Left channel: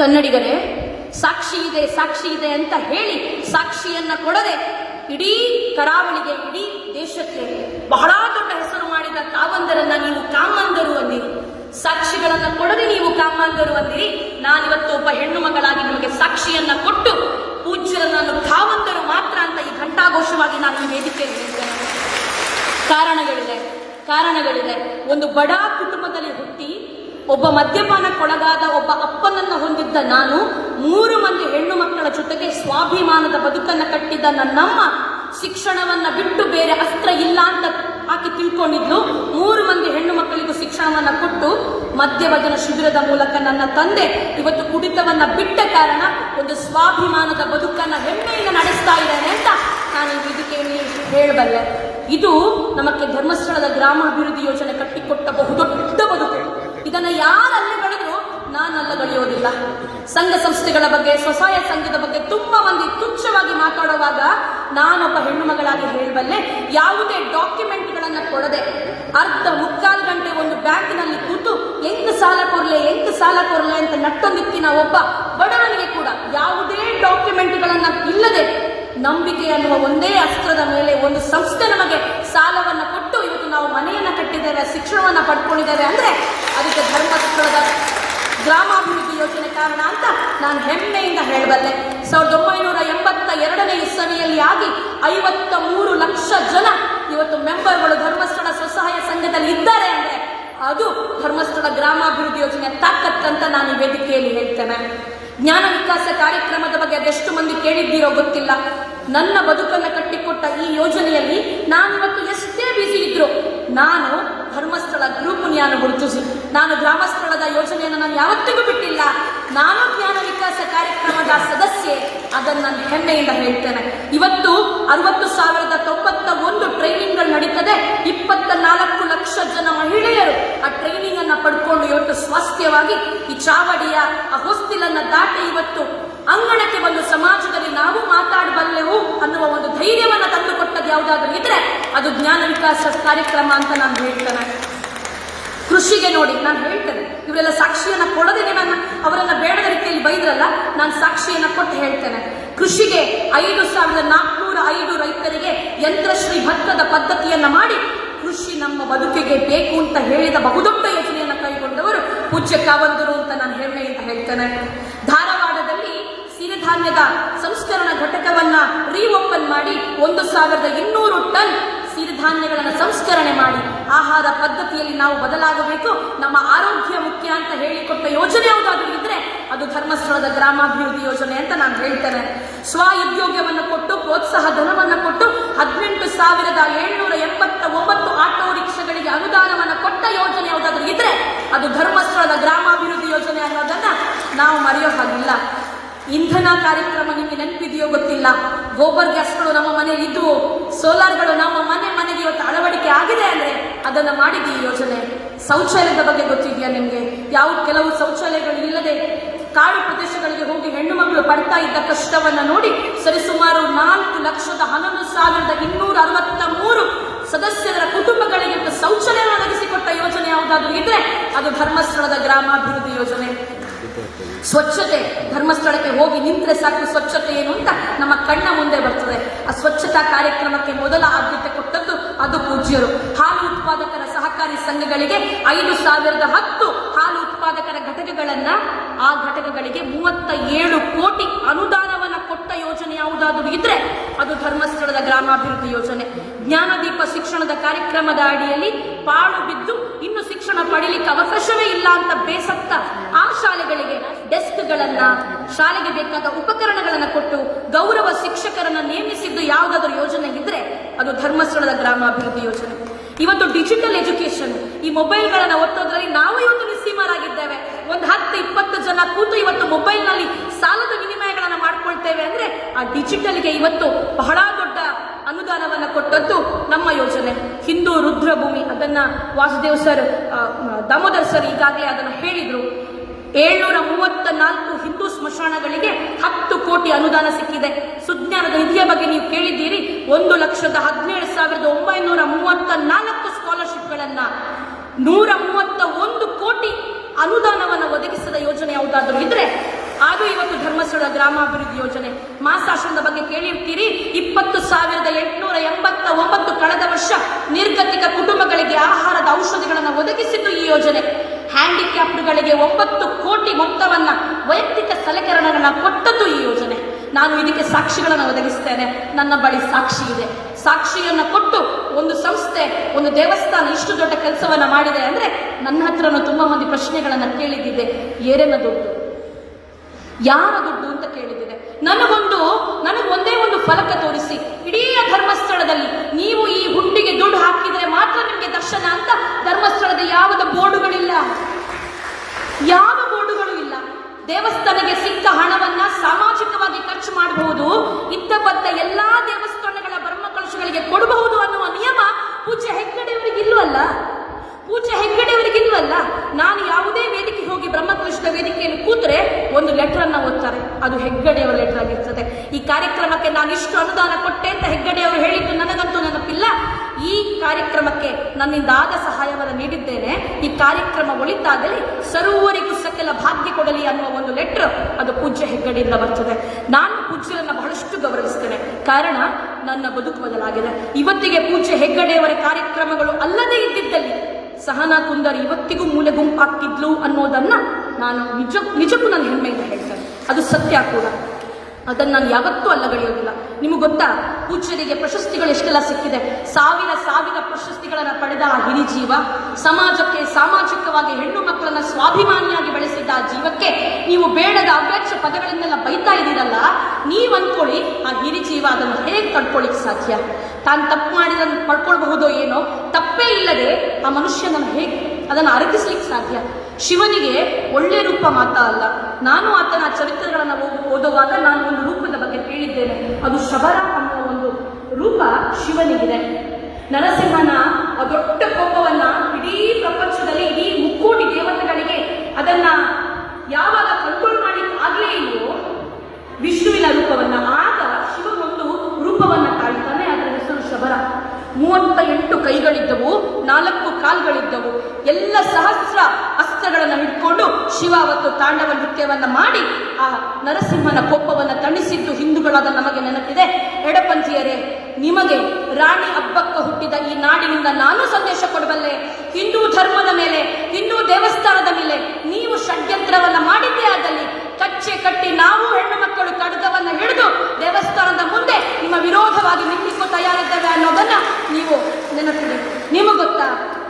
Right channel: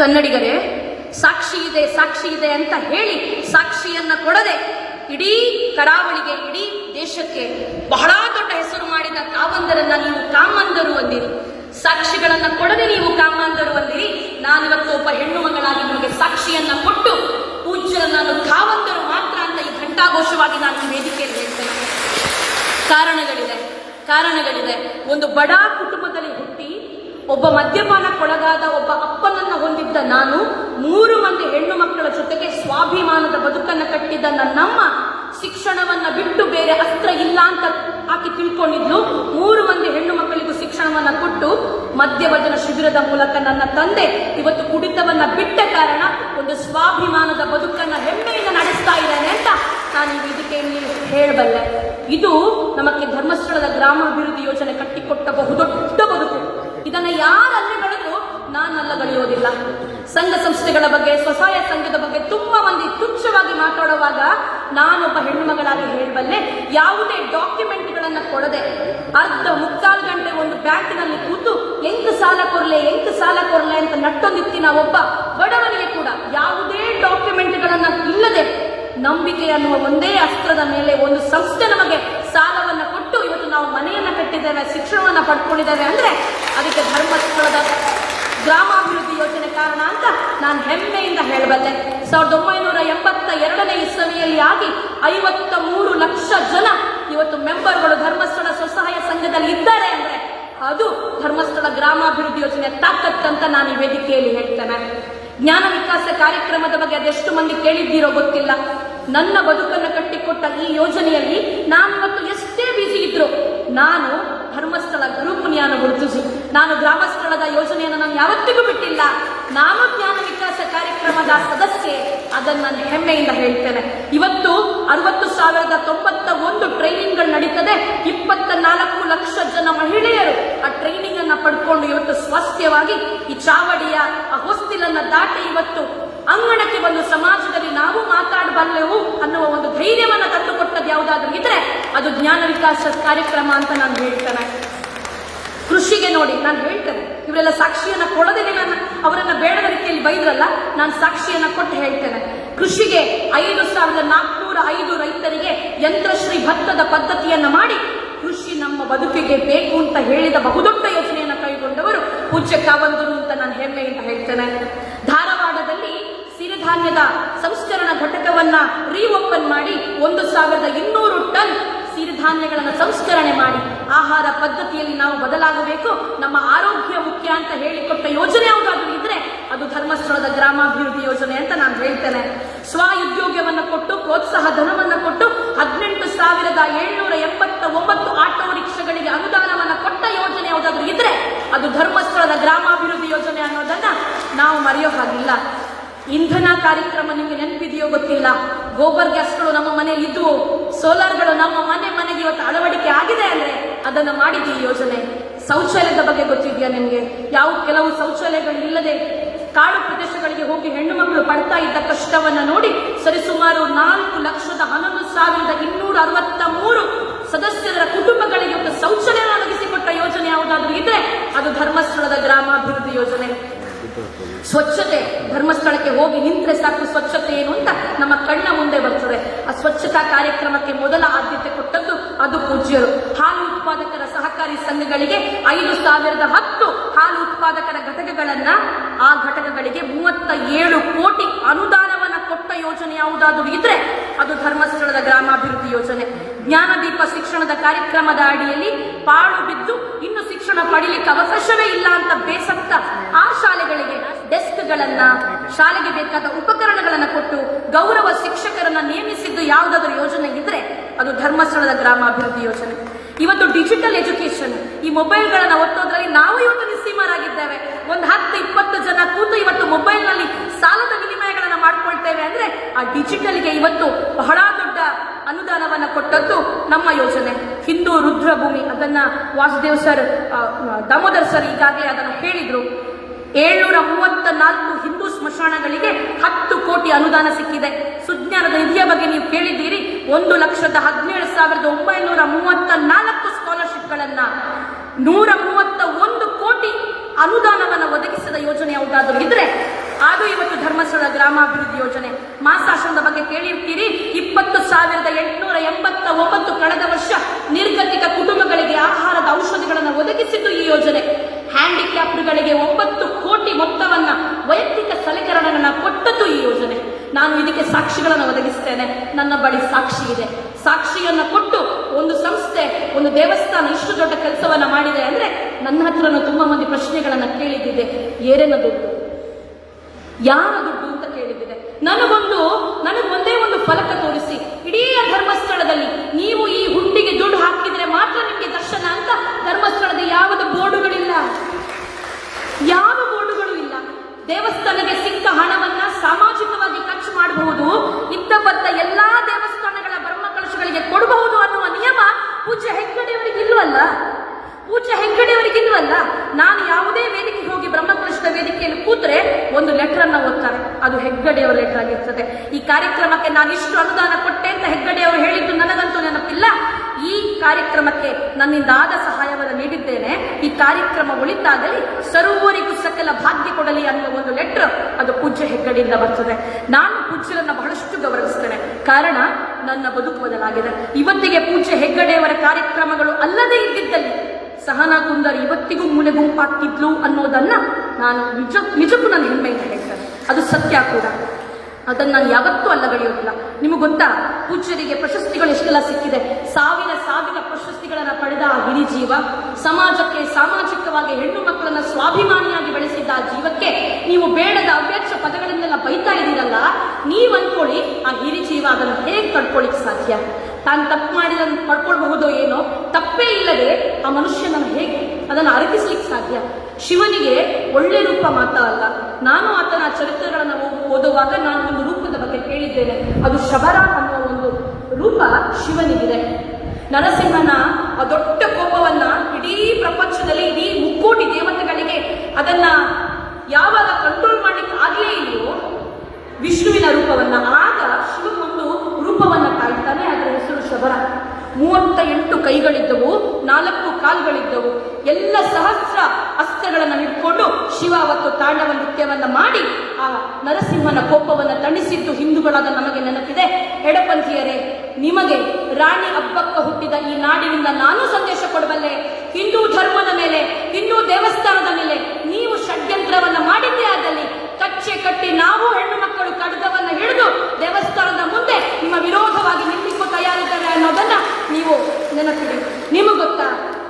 ಕನ್ನಡಿಗರೇ, ಸಾಕ್ಷಿ ಇದೆ ಸಾಕ್ಷಿ ಇದೆ ಅಂತ ಹೇಳಿ ಸಾಕ್ಷಿಯನ್ನ ಕೊಡದೆ ಇಡೀ ಕರಾವಳಿಗೆ, ಇಡೀ ದೇಶಕ್ಕೆ ಬಹಳ ದೊಡ್ಡ ಹೆಸರು ಮಾಡಿದ ಕಾವಂದರನ್ನ ನೀವು ಕಾಮಂದರು ಅಂದಿರಿ. ಸಾಕ್ಷಿಗಳನ್ನ ಕೊಡದೆ ನೀವು ಕಾಮಂದರು ಅಂದಿರಿ. ನಾನಿವತ್ತು ಒಬ್ಬ ಹೆಣ್ಣು ಮಗಳಾಗಿ ನಿಮಗೆ ಸಾಕ್ಷಿಯನ್ನ ಕೊಟ್ಟು ಪೂಜ್ಯರ ನಾನು ಕಾವಂದರು ಮಾತ್ರ ಅಂತ ಈ ಘಂಟಾಘೋಷವಾಗಿ ನಾನು ವೇದಿಕೆಯಲ್ಲಿ ಕಾರಣಗಳಿದೆ ಕಾರಣಗಳಿದೆ ಒಂದು ಬಡ ಹುಟ್ಟಿ ಒಬ್ಬ ಮದ್ಯಪಾನಕ್ಕೊಳಗಾದ ಒಬ್ಬ ಅಪ್ಪನನ್ನು ಹೊಂದಿದ್ದ ನಾನು ಮೂರು ಮಂದಿ ಹೆಣ್ಣು ಮಕ್ಕಳ ಜೊತೆಗೆ ಸ್ವಾಭಿಮಾನದ ಬದುಕನ್ನು ಕಟ್ಟಿದ್ದ ನನ್ನಮ್ಮ ಶಿಕ್ಷಣವನ್ನ ಬಿಟ್ಟು ಬೇರೆ ಅಸ್ತ್ರ ಇಲ್ಲ ಅಂತ ಆಕೆ ತಿಳ್ಕೊಂಡಿದ್ಲು. ಮೂರು ಮಂದಿ ಹೆಣ್ಣು ಮಕ್ಕಳಿಗೂ ಶಿಕ್ಷಣವನ್ನ ಕೊಟ್ಟು ಮದ್ಯ ಶಿಬಿರದ ಮೂಲಕ ನನ್ನ ತಂದೆ ಇವತ್ತು ಕುಡಿತವನ್ನ ಬಿಟ್ಟ ಕಾರಣ ಸ್ವಾಭಿಮಾನದ ಬದುಕನ್ನ ಹೆಮ್ಮೆಯಿಂದ ನಡೆಸ್ತಾ ಇದ್ದೇನೆ ಅಂತ ನಾನು ಈ ವೇದಿಕೆಯಲ್ಲಿ ಹೇಳಬಲ್ಲೆ ಇದು ನಮಗೆ ಧರ್ಮಸ್ಥಳದ ಗ್ರಾಮಾಭಿವೃದ್ಧಿ ಯೋಜನೆ ಕಟ್ಟಿಕೊಟ್ಟ ಬಹುದೊಡ್ಡ ಬದುಕು ಇದನ್ನ ಯಾರನ್ನು ನಡೆದ್ರು ನಾನಲ್ಲ ನಡೆಯೋದಿಲ್ಲ ಸಂಘ ಸಂಸ್ಥೆಗಳ ಬಗ್ಗೆ ಸ್ವಸಹಾಯ ಸಂಘದ ಬಗ್ಗೆ ತುಂಬಾ ಮಂದಿ ತುಚ್ಛವಾಗಿ ಮಾತಾಡುವಾಗ ನಾನೊಬ್ಬ ಹೆಣ್ಣು ಮಗಳಾಗಿ ಹೇಳಬಲ್ಲೆ ಯಾವುದೇ ಡಾಕ್ಯುಮೆಂಟ್ಗಳನ್ನ ಕೊಡದೆ ಅರ್ಧ ಮುಕ್ಕಾಲು ಗಂಟೆ ಒಂದು ಬ್ಯಾಂಕ್ನಲ್ಲಿ ಕೂತು ಎಂತ ಸಾಲ ಕೊರ್ಲೆ ಎಂತ ಸಾಲ ಕೊರ್ಲೆ ಅಂತ ನಟ್ಟೊಂದಿಕ್ಕಿನ ಒಬ್ಬ ಬಡವನಿಗೆ ಕೂಡ ಯಾವುದೇ ಡಾಕ್ಯುಮೆಂಟ್ಗಳನ್ನ ಇಲ್ಲದೆ ನಂಬಿಕೆ ಅನ್ನುವ ಒಂದೇ ಅಸ್ತ್ರದ ಮೇಲೆ ಒಂದು ಸಂಸ್ಥೆ ನಮಗೆ ಸಾಲವನ್ನು ಕೊಟ್ಟು ಇವತ್ತು ನಾವು ಮನೆಯನ್ನ ಕಟ್ಟಿದ್ದೇವೆ ಶಿಕ್ಷಣವನ್ನ ಪಡ್ಕೊಂಡಿದ್ದೇವೆ ಅಂದ್ರೆ ಅದಕ್ಕೆ ಧರ್ಮಸ್ಥಳದ ಗ್ರಾಮಾಭಿವೃದ್ಧಿ ಯೋಜನೆ ಕಾರಣ ಅಂತ ನಾನು ಹೆಮ್ಮೆಯಿಂದ ಹೇಳಬಲ್ಲೆ ಸಾವಿರದ ಒಂಬೈನೂರ ಎಂಬತ್ತ ಎರಡನೇ ಇಸವಿಯಲ್ಲಿ ಆಗಿ ಐವತ್ತ ಮೂರು ಲಕ್ಷ ಜನ ಇವತ್ತು ಮೆಂಬರ್ಗಳು ಧರ್ಮಸ್ಥಳ ಸ್ವಸಹಾಯ ಸಂಘದಲ್ಲಿ ಇದ್ದಾರೆ ಅಂದ್ರೆ ಅದು ಧರ್ಮಸ್ಥಳ ಗ್ರಾಮಾಭಿವೃದ್ಧಿ ಯೋಜನೆ ತಾಕತ್ತಂತ ನಾನು ಈ ವೇದಿಕೆಯಲ್ಲಿ ಹೇಳ್ತೇನೆ ಜ್ಞಾನ ವಿಕಾಸ ಕಾರ್ಯಕ್ರಮದ ಬಗ್ಗೆ ಅದೆಷ್ಟು ಕೇಳಿದ್ದೀರೋ ಗೊತ್ತಿಲ್ಲ. ನನ್ನ ಬದುಕನ್ನು ಕಟ್ಟಿಕೊಟ್ಟ ಈ ಯೋಜನೆಯಲ್ಲಿ ನಾನು ಇವತ್ತು ಎಷ್ಟೇ ಬಿಸಿ ಇದ್ರು ನಾನು ಧರ್ಮಸ್ಥಳ ಗ್ರೂಪ್ ಜ್ಞಾನ ಗುರುತಿಸಿ ನಾನು ಗ್ರಾಮಸ್ಥಳದ ಯೋಜನೆಯನ್ನು ನಾನು ಯಾವತ್ತಿಗೂ ಬಿಟ್ಟಿಲ್ಲ ನಾನು ಜ್ಞಾನ ವಿಕಾಸ ಕಾರ್ಯಕ್ರಮದ ಸದಸ್ಯೆ ಅದನ್ನು ನಾನು ಹೆಮ್ಮೆಯಿಂದ ಹೇಳ್ತೇನೆ ಇವತ್ತು ಅರವತ್ತು ಸಾವಿರದ ತೊಂಬತ್ತ ಒಂದು ಟ್ರೈನಿಂಗ್ಗಳು ನಡೀತದೆ ಇಪ್ಪತ್ತ ನಾಲ್ಕು ಲಕ್ಷ ಜನ ಮಹಿಳೆಯರು ಆ ಟ್ರೈನಿಂಗ್ ಅನ್ನ ಪಡ್ಕೊಂಡು ಇವತ್ತು ಸ್ವಾಸ್ಥ್ಯವಾಗಿ ಈ ಚಾವಡಿಯ ಆ ಹೊಸ್ತಿಲನ್ನ ದಾಟಿ ಇವತ್ತು ಅಂಗಣಕ್ಕೆ ಬಂದು ಸಮಾಜದಲ್ಲಿ ನಾವು ಮಾತಾಡಬಲ್ಲೆವು ಅನ್ನುವ ಒಂದು ಧೈರ್ಯವನ್ನ ತಂದುಕೊಟ್ಟದ್ದು ಯಾವುದಾದ್ರೂ ಇದ್ರೆ ಅದು ಜ್ಞಾನ ವಿಕಾಸ ಕಾರ್ಯಕ್ರಮ ಅಂತ ನಾನು ಹೇಳ್ತೇನೆ. ಕೃಷಿಗೆ ನೋಡಿ, ನಾನು ಹೇಳ್ತೇನೆ. ಇವರೆಲ್ಲ ಸಾಕ್ಷಿಯನ್ನ ಕೊಡದೆ ನಾನು ಅವರನ್ನ ಬೇಡದ ರೀತಿಯಲ್ಲಿ ಬೈದ್ರಲ್ಲ, ನಾನು ಸಾಕ್ಷಿಯನ್ನ ಕೊಟ್ಟು ಹೇಳ್ತೇನೆ. ಕೃಷಿಗೆ ಐದು ಸಾವಿರದ ನಾಲ್ಕುನೂರ ಐದು ರೈತರಿಗೆ ಯಂತ್ರಶ್ರೀ ಭತ್ತದ ಪದ್ಧತಿಯನ್ನ ಮಾಡಿ ಕೃಷಿ ನಮ್ಮ ಬದುಕಿಗೆ ಬೇಕು ಅಂತ ಹೇಳಿದ ಬಹುದೊಡ್ಡ ಯೋಜನೆಯನ್ನು ಕೈಗೊಂಡವರು ಪೂಜ್ಯ ಕಾವಂದರು ಅಂತ ನಾನು ಹೆಮ್ಮೆಯಿಂದ ಹೇಳ್ತೇನೆ. ಧಾರವಾಡದಲ್ಲಿ ಸಿರಿಧಾನ್ಯದ ಸಂಸ್ಕರಣ ಘಟಕವನ್ನ ರೀಓಪನ್ ಮಾಡಿ ಒಂದು ಸಾವಿರದ ಇನ್ನೂರು ಟನ್ ಸಿರಿಧಾನ್ಯಗಳನ್ನು ಸಂಸ್ಕರಣೆ ಮಾಡಿ ಆಹಾರ ಪದ್ಧತಿಯಲ್ಲಿ ನಾವು ಬದಲಾಗಬೇಕು. ನಮ್ಮ ಆರೋಗ್ಯ ಮುಖ್ಯ ಅಂತ ಹೇಳಿಕೊಟ್ಟ ಯೋಜನೆ ಯಾವುದಾದ್ರೂ ಇದ್ರೆ ಅದು ಧರ್ಮಸ್ಥಳದ ಗ್ರಾಮಾಭಿವೃದ್ಧಿ ಯೋಜನೆ ಅಂತ ನಾನು ಹೇಳ್ತೇನೆ. ಸ್ವ ಉದ್ಯೋಗವನ್ನು ಕೊಟ್ಟು, ಪ್ರೋತ್ಸಾಹ ಧನವನ್ನು ಕೊಟ್ಟು, ಹದಿನೆಂಟು ಸಾವಿರದ ಏಳ್ನೂರ ಎಂಬತ್ತ ಒಂಬತ್ತು ಆಟೋ ರಿಕ್ಷಾಗಳಿಗೆ ಅನುದಾನವನ್ನು ಕೊಟ್ಟ ಯೋಜನೆ ಯಾವುದಾದ್ರೂ ಇದ್ರೆ ಅದು ಧರ್ಮಸ್ಥಳದ ಗ್ರಾಮಾಭಿವೃದ್ಧಿ ಯೋಜನೆ ಅನ್ನೋದನ್ನ ನಾವು ಮರೆಯೋ ಹಾಗಿಲ್ಲ. ಇಂಧನ ಕಾರ್ಯಕ್ರಮ ನಿಮಗೆ ನೆನಪಿದೆಯೋ ಗೊತ್ತಿಲ್ಲ. ಗೋಬರ್ ಗ್ಯಾಸ್ಗಳು ನಮ್ಮ ಮನೆಯಲ್ಲಿ ಇದ್ವು. ಸೋಲಾರ್ಗಳು ನಮ್ಮ ಮನೆ ಮನೆಗೆ ಇವತ್ತು ಅಳವಡಿಕೆ ಆಗಿದೆ ಅಂದ್ರೆ ಅದನ್ನು ಮಾಡಿದ್ದು ಈ ಯೋಜನೆ. ಶೌಚಾಲಯದ ಬಗ್ಗೆ ಗೊತ್ತಿದೆಯಾ ನಿಮ್ಗೆ? ಯಾವ ಕೆಲವು ಶೌಚಾಲಯಗಳು ಇಲ್ಲದೆ ಕಾಡು ಪ್ರದೇಶಗಳಿಗೆ ಹೋಗಿ ಹೆಣ್ಣು ಮಕ್ಕಳು ಪಡ್ತಾ ಇದ್ದ ಕಷ್ಟವನ್ನ ನೋಡಿ ಸರಿಸುಮಾರು ನಾಲ್ಕು ಲಕ್ಷದ ಹನ್ನೊಂದು ಸಾವಿರದ ಇನ್ನೂರ ಅರವತ್ತ ಮೂರು ಸದಸ್ಯರ ಕುಟುಂಬಗಳಿಗೆ ಶೌಚಾಲಯ ಒದಗಿಸಿಕೊಟ್ಟ ಯೋಜನೆ ಯಾವುದಾದ್ರೂ ಇದ್ರೆ ಅದು ಧರ್ಮಸ್ಥಳದ ಗ್ರಾಮಾಭಿವೃದ್ಧಿ ಯೋಜನೆ. ಸ್ವಚ್ಛತೆ ಧರ್ಮಸ್ಥಳಕ್ಕೆ ಹೋಗಿ ನಿಂತರೆ ಸಾಕು ಸ್ವಚ್ಛತೆ ಏನು ಅಂತ ನಮ್ಮ ಕಣ್ಣ ಮುಂದೆ ಬರ್ತದೆ. ಆ ಸ್ವಚ್ಛತಾ ಕಾರ್ಯಕ್ರಮಕ್ಕೆ ಮೊದಲ ಆದ್ಯತೆ ಕೊಟ್ಟದ್ದು ಅದು ಪೂಜ್ಯರು. ಹಾಲು ಉತ್ಪಾದಕರ ಸಹಕಾರಿ ಸಂಘಗಳಿಗೆ ಐದು ಸಾವಿರದ ಹತ್ತು ಹಾಲು ಉತ್ಪಾದಕರ ಘಟಕಗಳನ್ನ ಆ ಘಟಕಗಳಿಗೆ ಮೂವತ್ತ ಏಳು ಕೋಟಿ ಅನುದಾನವನ್ನ ಕೊಟ್ಟ ಯೋಜನೆ ಯಾವುದಾದರೂ ಇದ್ರೆ ಅದು ಧರ್ಮಸ್ಥಳದ ಗ್ರಾಮಾಭಿವೃದ್ಧಿ ಯೋಜನೆ. ಜ್ಞಾನದೀಪ ಶಿಕ್ಷಣದ ಕಾರ್ಯಕ್ರಮದ ಅಡಿಯಲ್ಲಿ ಪಾಳು ಬಿದ್ದು ಇನ್ನು ಶಿಕ್ಷಣ ಪಡೀಲಿಕ್ಕೆ ಅವಕಾಶವೇ ಇಲ್ಲ ಅಂತ ಬೇಸತ್ತ ಆ ಶಾಲೆಗಳಿಗೆ ಡೆಸ್ಕ್ಗಳನ್ನ ಶಾಲೆಗೆ ಬೇಕಾದ ಉಪಕರಣಗಳನ್ನು ಕೊಟ್ಟು ಗೌರವ ಶಿಕ್ಷಕರನ್ನ ನೇಮಿಸಿದ್ದು ಯಾವುದಾದ್ರೂ ಯೋಜನೆ ಇದ್ರೆ ಅದು ಧರ್ಮಸ್ಥಳದ ಗ್ರಾಮಾಭಿವೃದ್ಧಿ ಯೋಜನೆ. ಇವತ್ತು ಡಿಜಿಟಲ್ ಎಜುಕೇಶನ್ ಈ ಮೊಬೈಲ್ಗಳನ್ನ ಒತ್ತೋದ್ರಲ್ಲಿ ನಾವು ಇವತ್ತು ನಿಸ್ಸೀಮರಾಗಿದ್ದೇವೆ. ಒಂದು ಹತ್ತು, ಇಪ್ಪತ್ತು ಜನ ಕೂತು ಇವತ್ತು ಮೊಬೈಲ್ನಲ್ಲಿ ಸಾಲದ ವಿನಿಮಯಗಳನ್ನು ಮಾಡ್ಕೊಳ್ತೇವೆ ಅಂದ್ರೆ ಆ ಡಿಜಿಟಲ್ಗೆ ಇವತ್ತು ಬಹಳ ದೊಡ್ಡ ಅನುದಾನವನ್ನು ಕೊಟ್ಟದ್ದು ನಮ್ಮ ಯೋಜನೆ. ಹಿಂದೂ ರುದ್ರಭೂಮಿ, ಅದನ್ನ ವಾಸುದೇವ್ ಸರ್ ದಾಮೋದರ್ ಸರ್ ಈಗಾಗಲೇ ಅದನ್ನು ಹೇಳಿದ್ರು. ಏಳ್ನೂರ ಮೂವತ್ತ ನಾಲ್ಕು ಹಿಂದೂ ಸ್ಮಶಾನಗಳಿಗೆ ಹತ್ತು ಕೋಟಿ ಅನುದಾನ ಸಿಕ್ಕಿದೆ. ಸುಜ್ಞಾನದ ನಿಧಿಯ ಬಗ್ಗೆ ನೀವು ಕೇಳಿದ್ದೀರಿ. ಒಂದು ಲಕ್ಷದ ಹದಿನೇಳು ಸಾವಿರದ ಒಂಬೈನೂರ ಮೂವತ್ತ ನಾಲ್ಕು ಸ್ಕಾಲರ್ಶಿಪ್ಗಳನ್ನ ನೂರ ಮೂವತ್ತ ಒಂದು ಕೋಟಿ ಅನುದಾನವನ್ನು ಒದಗಿಸಿದ ಯೋಜನೆ ಯಾವುದಾದ್ರೂ ಇದ್ರೆ, ಅದು ಇವತ್ತು ಧರ್ಮಸ್ಥಳ ಗ್ರಾಮಾಭಿವೃದ್ಧಿ ಯೋಜನೆ. ಮಾಸಾಶ್ರಮದ ಬಗ್ಗೆ ಕೇಳಿರ್ತೀರಿ. ಇಪ್ಪತ್ತು ಸಾವಿರದ ಎಂಟುನೂರ ಎಂಬತ್ತ ಒಂಬತ್ತು ಕಳೆದ ವರ್ಷ ನಿರ್ಗತಿಕ ಕುಟುಂಬಗಳಿಗೆ ಆಹಾರದ ಔಷಧಿಗಳನ್ನು ಒದಗಿಸಿದ್ದು ಈ ಯೋಜನೆ. ಹ್ಯಾಂಡಿಕ್ಯಾಪ್ಡ್ಗಳಿಗೆ ಒಬ್ಬ ಸಾಕ್ಷಿಗಳನ್ನು ಒದಗಿಸ್ತೇನೆ. ನನ್ನ ಬಳಿ ಸಾಕ್ಷಿ ಇದೆ. ಸಾಕ್ಷಿಯನ್ನು ಕೊಟ್ಟು ಒಂದು ಸಂಸ್ಥೆ, ಒಂದು ದೇವಸ್ಥಾನ, ಇಷ್ಟು ದೊಡ್ಡ ಕೆಲಸವನ್ನ ಮಾಡಿದೆ ಅಂದ್ರೆ ನನ್ನ ಹತ್ರನೂ ತುಂಬಾ ಮಂದಿ ಪ್ರಶ್ನೆಗಳನ್ನ ಕೇಳಿದ್ದಿದೆ. ಏರೆಲ್ಲ ದುಡ್ಡು? ಯಾರ ದುಡ್ಡು ಅಂತ ಕೇಳಿದ್ದಿದೆ. ನನಗೊಂದು ನನಗೆ ಒಂದೇ ಒಂದು ಫಲಕ ತೋರಿಸಿ ಇಡೀ ಧರ್ಮಸ್ಥಳದಲ್ಲಿ ನೀವು ಈ ಹುಂಡಿಗೆ ದುಡ್ಡು ಹಾಕಿದ್ರೆ ಮಾತ್ರ ನಿಮಗೆ ದರ್ಶನ ಅಂತ ಧರ್ಮಸ್ಥಳದ ಯಾವುದೇ ಬೋರ್ಡುಗಳಿಲ್ಲ ಯಾವ ಬೋರ್ಡುಗಳು ಇಲ್ಲ ದೇವಸ್ಥಾನಕ್ಕೆ ಸಿಕ್ಕ ಹಣವನ್ನ ಸಾಮಾಜಿಕವಾಗಿ ಖರ್ಚು ಮಾಡಬಹುದು ಇದ್ದ ಬದ್ದ ಎಲ್ಲಾ ದೇವಸ್ಥಾನಗಳ ಬ್ರಹ್ಮಕಲಶಗಳಿಗೆ ಕೊಡಬಹುದು ಅನ್ನುವ ನಿಯಮ ಪೂಜ್ಯ ಹೆಗ್ಗಡೆಯವರಿಗೆ ಇಲ್ವಲ್ಲ ಪೂಜ್ಯ ಹೆಗ್ಗಡೆಯವರಿಗೆ ಇಲ್ವಲ್ಲ ನಾನು ಯಾವುದೇ ವೇದಿಕೆಗೆ ಹೋಗಿ ಬ್ರಹ್ಮಕಲಶದ ವೇದಿಕೆಯಲ್ಲಿ ಕೂತ್ರೆ ಒಂದು ಲೆಟರ್ ಅನ್ನ ಓದ್ತಾರೆ ಅದು ಹೆಗ್ಗಡೆಯವರ ಲೆಟರ್ ಆಗಿರ್ತದೆ ಈ ಕಾರ್ಯಕ್ರಮಕ್ಕೆ ನಾನು ಇಷ್ಟು ಅನುದಾನ ಕೊಟ್ಟೆ ಅಂತ ಹೆಗ್ಗಡೆಯವರು ಹೇಳಿದ್ದು ನನಗಂತೂ ನೆನಪಿಲ್ಲ ಈ ಕಾರ್ಯಕ್ರಮಕ್ಕೆ ನನ್ನಿಂದಾದ ಸಹಾಯವನ್ನು ನೀಡಿದ್ದೇನೆ. ಈ ಕಾರ್ಯಕ್ರಮ ಒಳಿತಾಗಲಿ, ಸರ್ವರಿಗೂ ಸಕಲ ಭಾಗ್ಯ ಕೊಡಲಿ ಅನ್ನುವ ಒಂದು ಲೆಟರ್ ಅದು ಪೂಜ್ಯ ಹೆಗ್ಗಡೆಯಿಂದ ಬರ್ತದೆ. ನಾನು ಪೂಜ್ಯರನ್ನು ಬಹಳಷ್ಟು ಗೌರವಿಸ್ತೇನೆ. ಕಾರಣ, ನನ್ನ ಬದುಕು ಬದಲಾಗಿದೆ. ಇವತ್ತಿಗೆ ಪೂಜ್ಯ ಹೆಗ್ಗಡೆಯವರ ಕಾರ್ಯಕ್ರಮಗಳು ಅಲ್ಲದೇ ಇದ್ದಿದ್ದಲ್ಲಿ ಸಹನಾ ಕುಂದರ್ ಇವತ್ತಿಗೂ ಮೂಲೆ ಗುಂಪಾಗ್ತಿದ್ಲು ಅನ್ನೋದನ್ನ ನಾನು ನಿಜ, ನಿಜಕ್ಕೂ ನನ್ನ ಹೆಮ್ಮೆ ಹೇಳ್ತೇನೆ. ಅದು ಸತ್ಯ ಕೂಡ. ಅದನ್ನ ನಾನು ಯಾವತ್ತೂ ಅಲ್ಲಗಳೆಯೋದಿಲ್ಲ ನಿಮಗೆ ಗೊತ್ತಾ? ಪೂಜ್ಯರಿಗೆ ಪ್ರಶಸ್ತಿಗಳು ಎಷ್ಟೆಲ್ಲ ಸಿಕ್ಕಿದೆ? ತಾನು ತಪ್ಪು ಮಾಡಿದ ಪಡ್ಕೊಳ್ಬಹುದೋ ಏನೋ, ತಪ್ಪೇ ಇಲ್ಲದೆ ಆ ಮನುಷ್ಯನನ್ನು ಹೇಗೆ ಅದನ್ನು ಅರಗಿಸ್ಲಿಕ್ಕೆ ಸಾಧ್ಯ? ಶಿವನಿಗೆ ಒಳ್ಳೆ ರೂಪ ಮಾತ್ರ ಅಲ್ಲ. ನಾನು ಆತನ ಚರಿತ್ರೆಗಳನ್ನು ಓದುವಾಗ ನಾನು ಒಂದು ರೂಪದ ಬಗ್ಗೆ ಕೇಳಿದ್ದೇನೆ. ಅದು ಶಬರ ಅನ್ನುವ ಒಂದು ರೂಪ ಶಿವನಿಗಿದೆ. ನರಸಿಂಹನ ಆ ದೊಡ್ಡ ಕೋಪವನ್ನ ಇಡೀ ಪ್ರಪಂಚದಲ್ಲಿ ಇಡೀ ಮುಕ್ಕೋಟಿ ದೇವತೆಗಳಿಗೆ ಅದನ್ನ ಯಾವಾಗ ಕಂಟ್ರೋಲ್ ಮಾಡ್ಲಿಕ್ಕೆ ಆಗ್ಲೇ ಇಲ್ಲೋ ವಿಷ್ಣುವಿನ ರೂಪವನ್ನ ಆಗ ಶಿವ ಒಂದು ರೂಪವನ್ನ ತಾಳ್ತಾನೆ ಅದರ ಹೆಸರು ಶಬರ ಮೂವತ್ತ ಎಂಟು ಕೈಗಳಿದ್ದವು, ನಾಲ್ಕು ಕಾಲುಗಳಿದ್ದವು. ಎಲ್ಲ ಸಹಸ್ರ ಅಸ್ತ್ರಗಳನ್ನು ಹಿಡ್ಕೊಂಡು ಶಿವ ಅವತ್ತು ತಾಂಡವ ನೃತ್ಯವನ್ನು ಮಾಡಿ ಆ ನರಸಿಂಹನ ಕೋಪವನ್ನ ತಣಿಸಿದ್ದು ಹಿಂದೂಗಳಾದ ನಮಗೆ ನೆನಪಿದೆ. ಎಡಪಂಥೀಯರೇ, ನಿಮಗೆ ರಾಣಿ ಹಬ್ಬಕ್ಕ ಹುಟ್ಟಿದ ಈ ನಾಡಿನಿಂದ ನಾನು ಸಂದೇಶ ಕೊಡಬಲ್ಲೆ. ಹಿಂದೂ ಧರ್ಮದ ಮೇಲೆ, ಹಿಂದೂ ದೇವಸ್ಥಾನದ ಮೇಲೆ ನೀವು ಷಡ್ಯಂತ್ರವನ್ನ ಮಾಡಿದ್ದೇ ಆದಲ್ಲಿ ಕಚ್ಚೆ ಕಟ್ಟಿ ನಾವು ಹೆಣ್ಣು ಮಕ್ಕಳು ಖಡ್ಗವನ್ನ ಹಿಡಿದು ದೇವಸ್ಥಾನದ ಮುಂದೆ ನಿಮ್ಮ ವಿರೋಧವಾಗಿ ನಿಲ್ಲಿಕ್ಕೂ ತಯಾರಿದ್ದಾರೆ ಅನ್ನೋದನ್ನ ನೀವು ನೆನಪಿಡಿ ನಿಮಗೆ ಗೊತ್ತಾ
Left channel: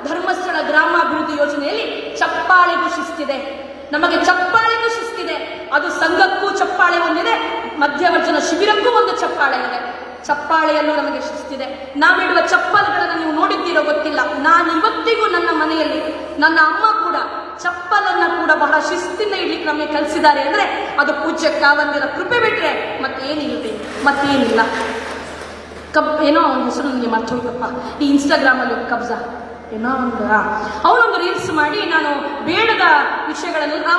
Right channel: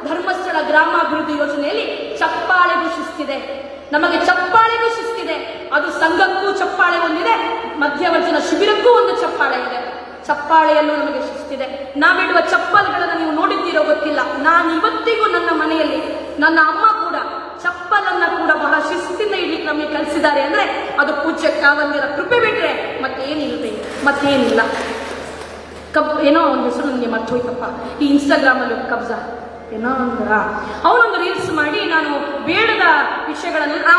ಧರ್ಮಸ್ಥಳ ಗ್ರಾಮಾಭಿವೃದ್ಧಿ ಯೋಜನೆಯಲ್ಲಿ ಚಪ್ಪಾಳೆಗೂ ಶಿಸ್ತಿದೆ ನಮಗೆ ಚಪ್ಪಾಳೆಗೂ ಶಿಸ್ತಿದೆ ಅದು ಸಂಘಕ್ಕೂ ಚಪ್ಪಾಳೆ ಒಂದಿದೆ ಮಧ್ಯವರ್ಜನ ಶಿಬಿರಕ್ಕೂ ಒಂದು ಚಪ್ಪಾಳೆ ಇದೆ. ಚಪ್ಪಾಳೆಯಲ್ಲೂ ನಮಗೆ ಶಿಸ್ತಿದೆ ನಾವಿಡುವ ಚಪ್ಪಲ್ಗಳನ್ನು ನೀವು ನೋಡಿದ್ದೀರೋ ಗೊತ್ತಿಲ್ಲ. ನಾನು ಇವತ್ತಿಗೂ ನನ್ನ ಮನೆಯಲ್ಲಿ, ನನ್ನ ಅಮ್ಮ ಕೂಡ ಚಪ್ಪಲನ್ನ ಕೂಡ ಬಹಳ ಶಿಸ್ತಿನ ಇಡ್ಲಿಕ್ಕೆ ನಮಗೆ ಕಲಿಸಿದ್ದಾರೆ ಅಂದ್ರೆ ಅದು ಪೂಜ್ಯ ಕಾವಲ್ಯರ ಕೃಪೆ ಬಿಟ್ರೆ ಮತ್ತೇನಿರುತ್ತೆ ಮತ್ತೇನಿಲ್ಲ ಕಬ್, ಏನೋ ಒಂದು ಹೆಸರು ನನಗೆ ಮರ್ತೋಯ್ತಪ್ಪ. ಈ ಇನ್ಸ್ಟಾಗ್ರಾಮ್ ಅಲ್ಲಿ ಕಬ್ಜ ಏನೋ ಅವನೊಂದು ರೀಲ್ಸ್ ಮಾಡಿ ನಾನು ಬೇಡದ ವಿಷಯಗಳನ್ನೆಲ್ಲ